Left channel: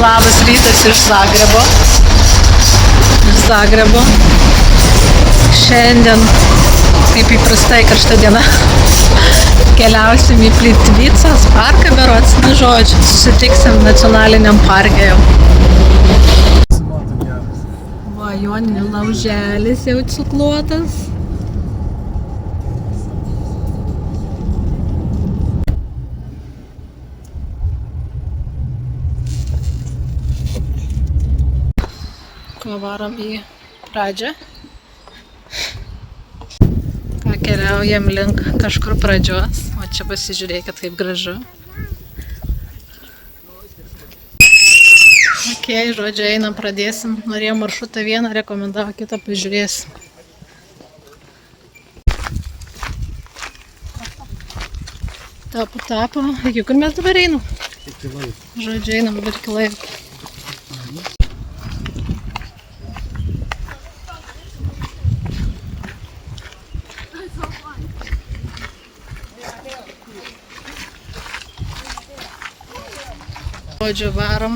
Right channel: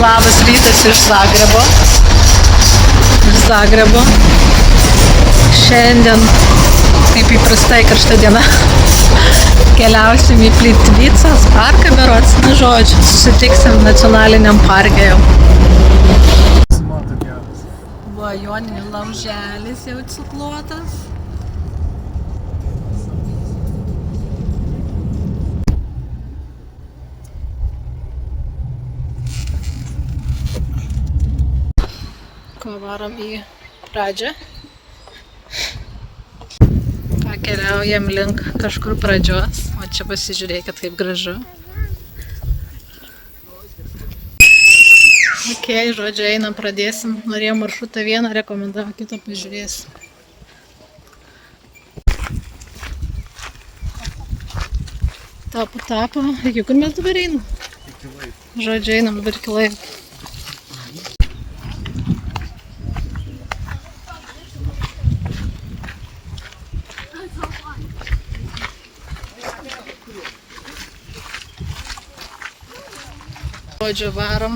Labas rytas iš Zagrebo. Šiandien, kaip įprastai, karšta diena. Keliausim į Plitvicos parką berods. Na žodžiu, susitiksim nacionaliniam parke jau. Va, Joninių lauželis jau cukluotas. Varom į pradžią. Keliaujam link kažkur pradžios. O čia pasižiūrėkit, kaip gražu. Ok, žodžiu, einam, pradėsim. Norėjau maršrutą vieną, rekomendavo kitą, pažiūrėsim. Tapo. Iki kur mes dabar einam? Žodžiu, einam dabar iki laiko. Žodžiu, varom,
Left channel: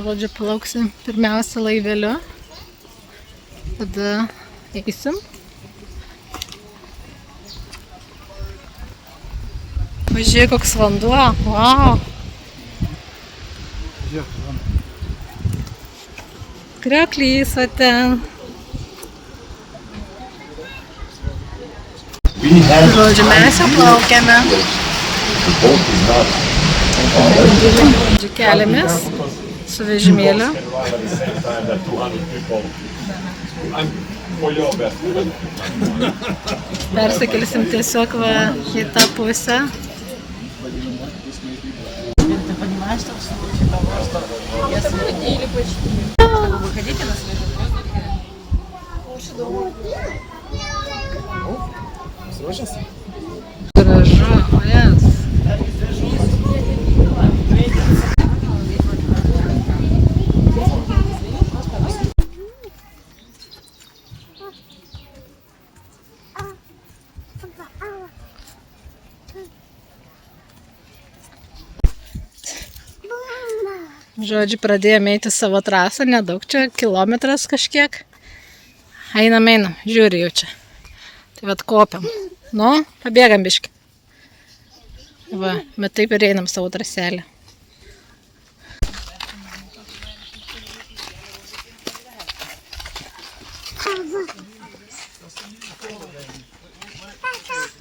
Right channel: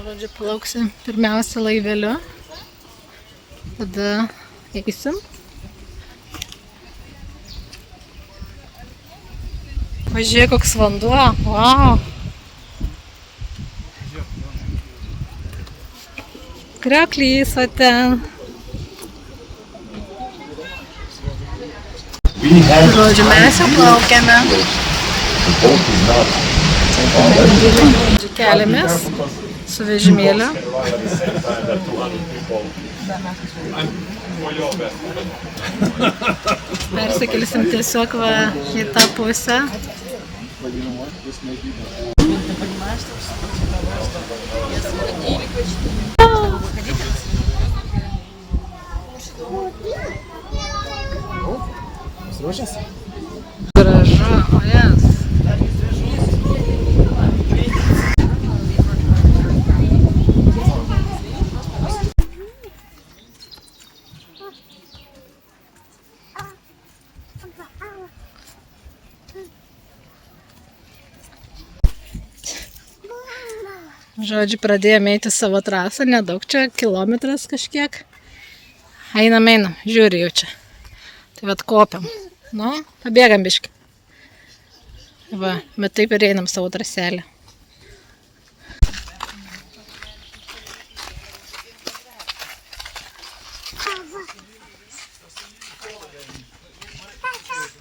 žodžiu, plauksim pirmiausia laiveliu, tada eisim. Pažiūrėk, koks vanduo, wow! Krioklys va ten. Žodžiu, mes jau plaukiame. Keliamės su vežimėliu. Persikelsim tiesiog va į tą pusę. Gražu, o jas. Žodžiu, pradėjome eiti savo trasą, nedaug čia, kilometras kažkiek. Einam, žiūri jau čia. Tai vat kopiam. Nu, pabėgam biškį. Va, bet taip ir einam savo traselę.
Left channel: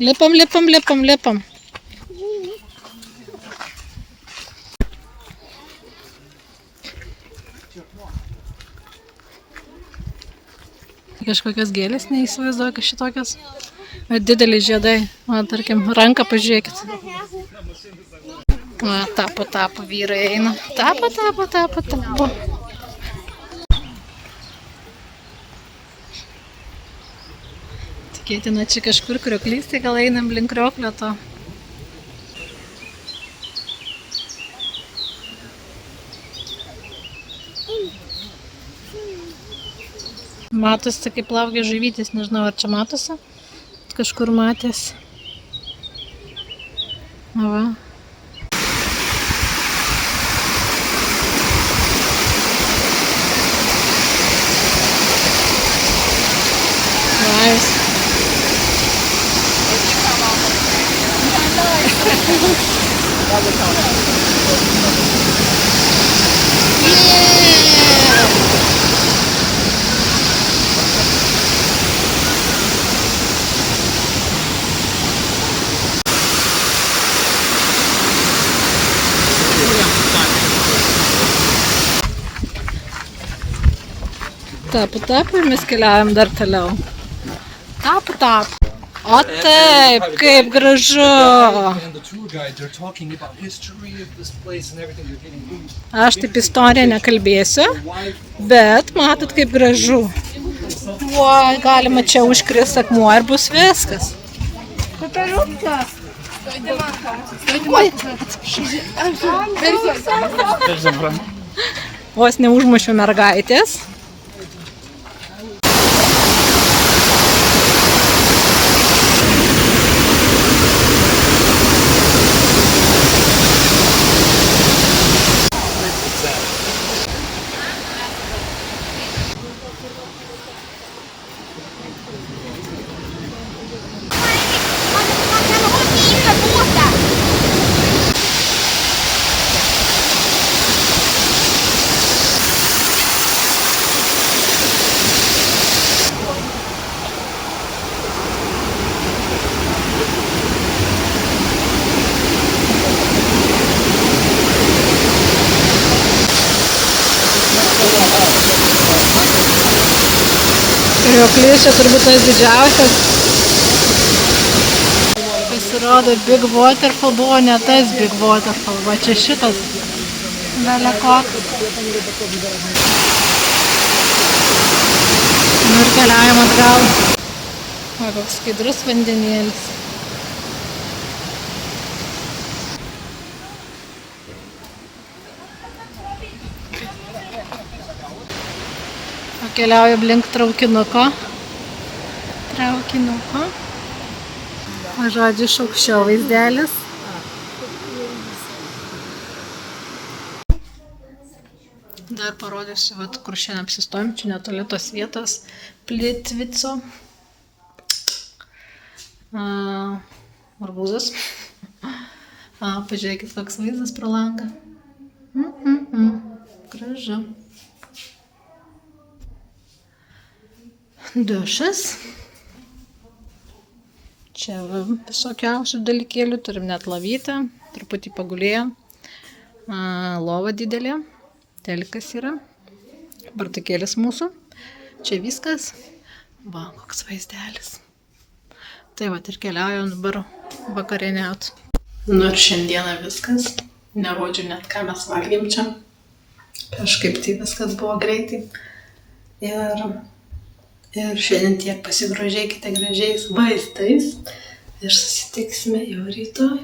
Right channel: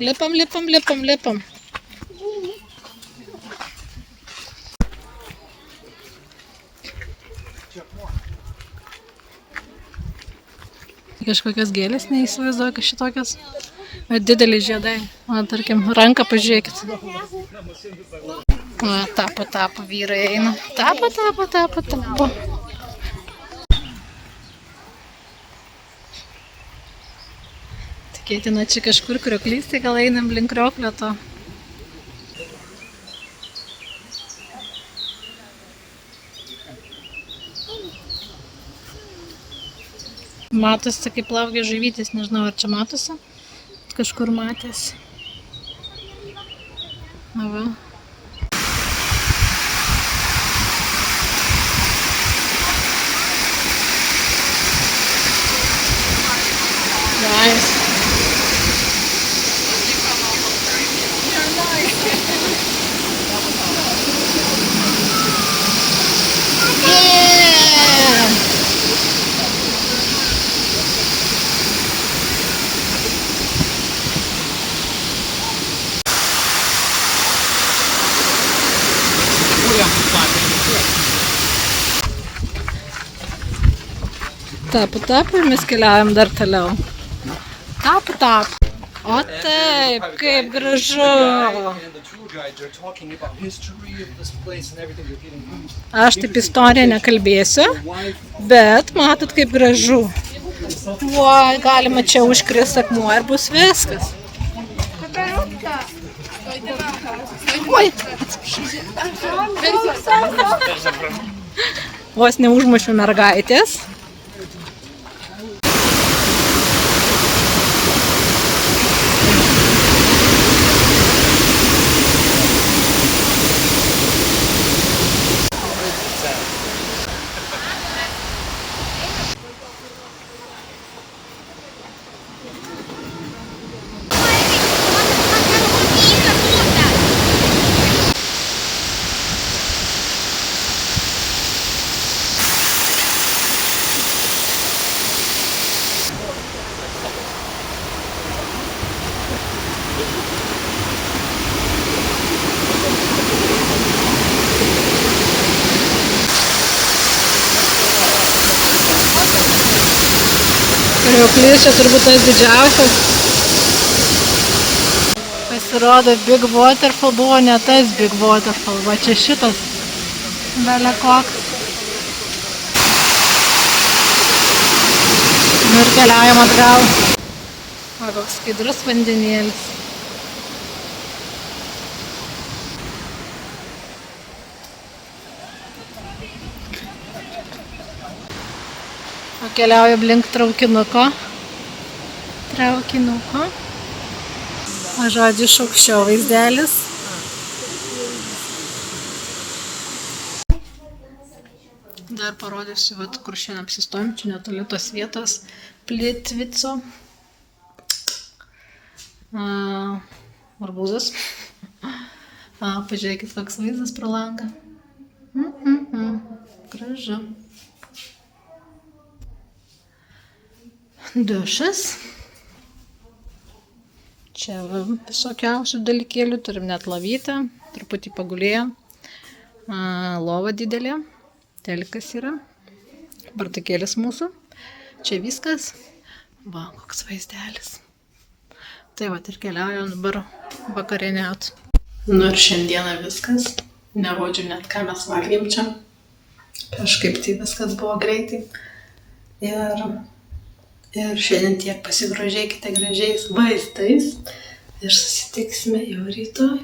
Lipam. Kažkokios gėlės, neįsivaizduoju, kad šitokios dideli žiedai. O, tarkim, ranką pažiūrėkit. O, tapo, vyrai eina. Tapo. Tikėtina, čia kažkur krioklys, tai gal einam link krioklio to. Matosi, kaip plaukia žuvytės, nežinau, ar čia matosi. Kažkur matėsi. Va. Nice. Tapo ir mes keliaujam dar toliau. Tapo. O taip, kaip gražu. Aš taip istoriją nekalbėsiu, bet matot, kaip gražu. Oi, galima čia užkrist akmuo ir bus viskas. Oi, vos neužmušiu mergaitės. Krioklys čia turbūt tas didžiausias. Pasirodo, Big Waterfall buvo ne tas Big Waterfall, va čia šitas belekoks. Nu ir keliaujam atgal. Va, koks skaidrus vandenėlis. O keliauju link traukinuko. O žodžiu, iš aukščiau vaizdelis. Dar parodysiu, vat, kur šiandien apsistojom, čia netoli tos vietos Plitvico. Arbūzas. Pažiūrėkit, koks vaizdas pro langą. Gražu. Dušas. Čia visokiausių dalykėlių, turim net lovytę, truputį pagulėję, lova didelė, telikas yra, bartukėlis mūsų, čia viskas, va, koks vaizdelis. Tai va, ir keliaujam dabar vakarieniaut. Nu ir šiandieną viskas, nerodžiu net ką mes valgėm čia, kažkaip tai viskas buvo greitai. Ir šiandien tiek, pasigrožėkite gražiais vaizdais ir susitiksime jau rytoj.